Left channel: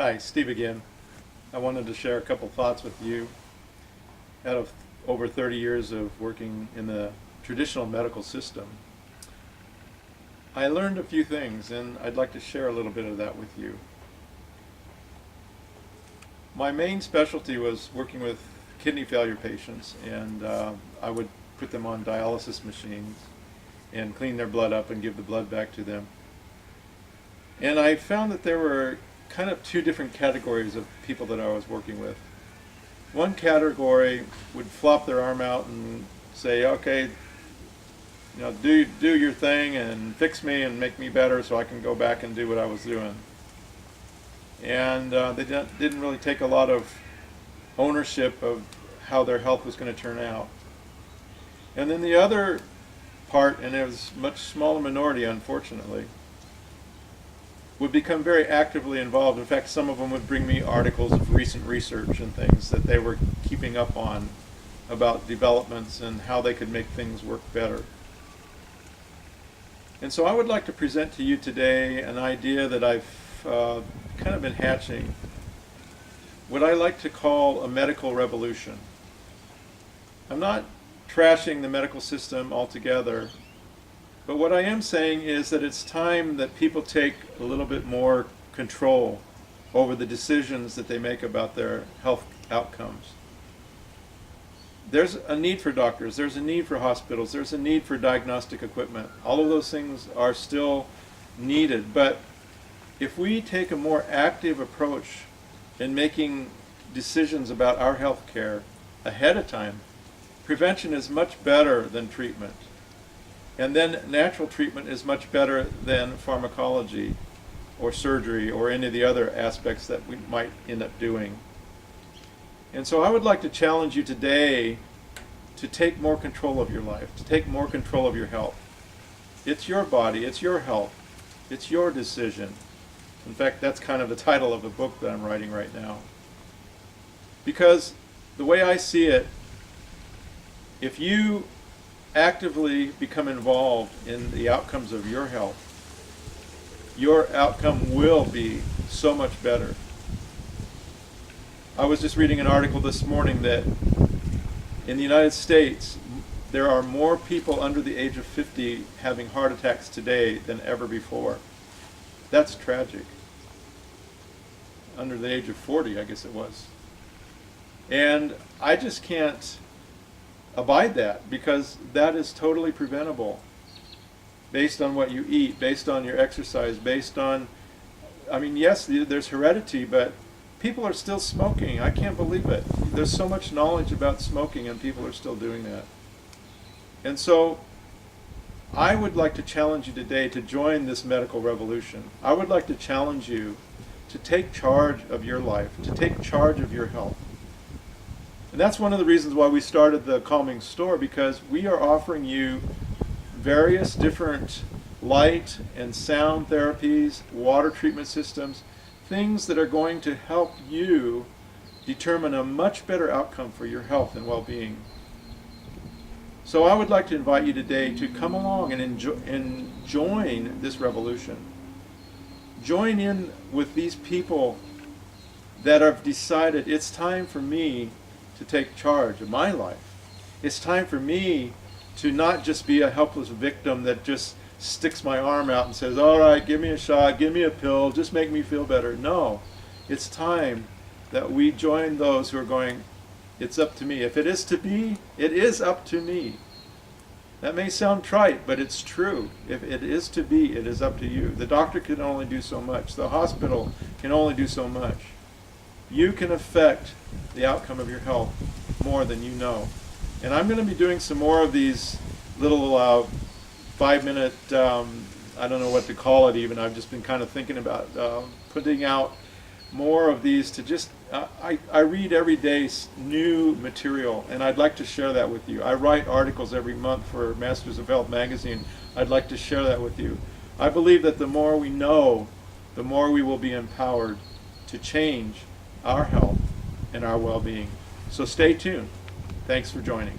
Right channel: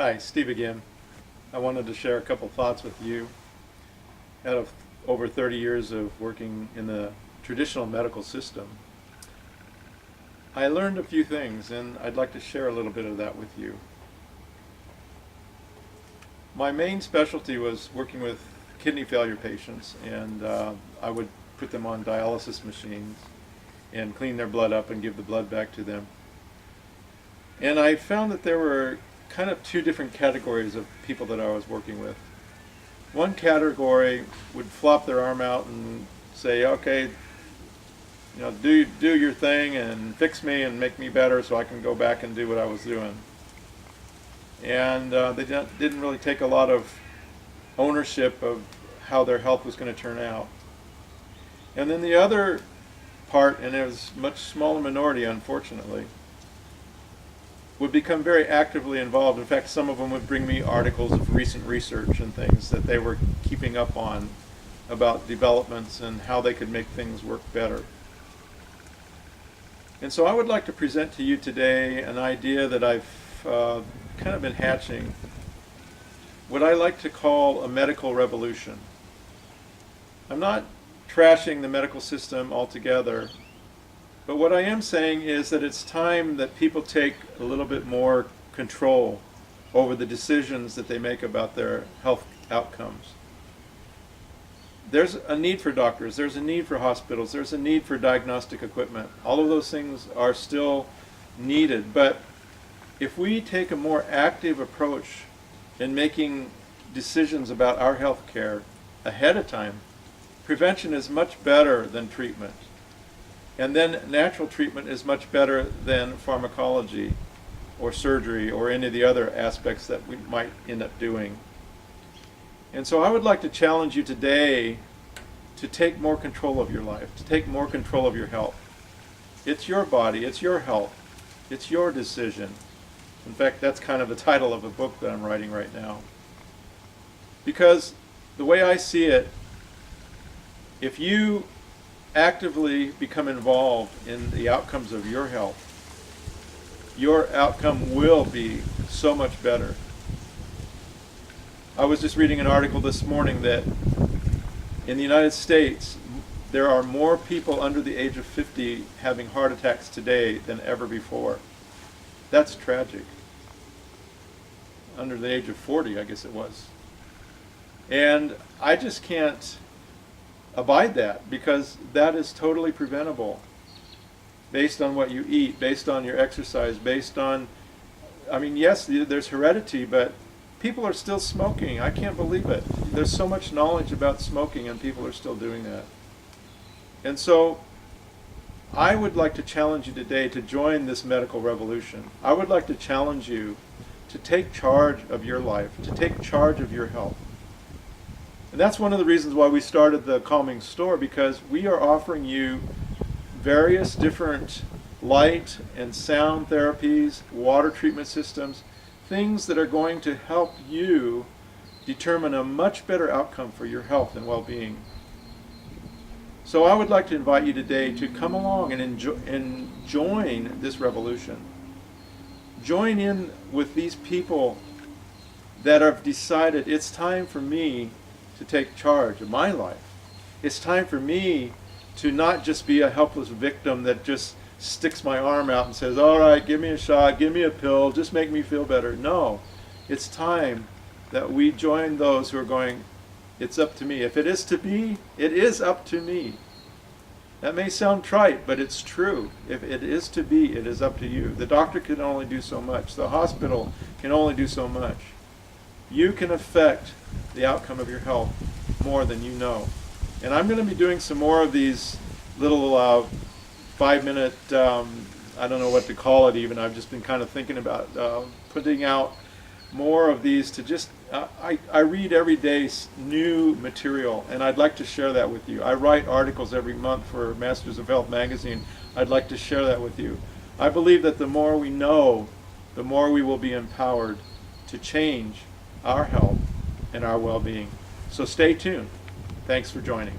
Hi, Steve again. I wanted to share a couple thoughts with you. Out of over 30 years of working in the traditional medical system, I learned a few things, and I'd like to share a little bit of that with you. My main specialty was working with kidney failure patients, and I would put them on dialysis machines and clean their blood up and give the blood back to them. And I found that there were kind of two different categories of people that I was working with. One category would flop their arm out and say, okay, do your thing and fix me and make me better so I can go back and do what I was doing. And they didn't really take a lot of ownership of how their health was going to turn out. And then the other part, and it was a much smaller minority unfortunately, would become very actively involved. In fact, some of them would bring me articles of recent research and things that they were keeping up on about developments and how they could make things work better. And so I would like to present to you today an idea that I've kind of been hatching, what I like to call a medical revolution. I'm not trashing the medical system altogether, but what I am saying is that it's time that people take a little bit more control over the decisions that they make about their health outcomes. There's a need for doctors, there's a need for hospitals, there's a need for diagnostic equipment. All of those things are still needed, but if we take a more active approach in making decisions about our health care ahead of time, prevention is much better than treatment. And then natural treatment is much better than pharmacology or surgery or any of the other aspects that we might end up doing. And so I would like to challenge you today to take more control of your life, to take more control of your health. It's your body, it's your health, it's your decision. In fact, that's kind of the title of a book that I'm writing right now. Because the way I see it, if you actively become involved in the outcomes of your health, your outcome will be so much better. I was just reading an article this morning that in the United States, there are more people under the age of 50 having heart attacks today than ever before. That's tragic. Under the age of 40, I guess it was. And I just can't abide that, because that is totally preventable based on what you eat, based on your exercise, based on, yes, there's heredity, but people are still smoking. I can't believe it. There's so much knowledge about smoking and people are still doing that. And so I would like to challenge you today to join this medical revolution. I would like to challenge you to take charge of your life, to take charge of your health. And that's one of the reasons why we started the Calming Store, because we are offering you various different light and sound therapies, water treatment systems, things that are going to help you determine a much better outcome for your health and well-being. So I would like to invite you today to come along and join this revolution. Join in with these people that have decided it's time for me to take charge of my life. It's time for me to not just be a helpless victim that just sticks my arm out and says, all right, give me a shot, give me a pill, just make me feel better. No, it's time that we join those who are going, it's up to me. If it is to be, it is up to me. That may sound trite, but it's true. If it is to be, it is up to you. The doctor can only do so much. The hospital can only do so much. You can affect the outcome of your health more than you know. And I'm going to be doing some more of these little 5-minute, I don't know what to call it even, I've just been kind of thinking about putting out more of these to just, I read every day new material, and I'd like to share that with you. I write articles every month for Masters of Health magazine. I'd like to share that with you. I believe that the more we know, the more we will be empowered to change our health and our well-being. So stay tuned. Thanks for joining.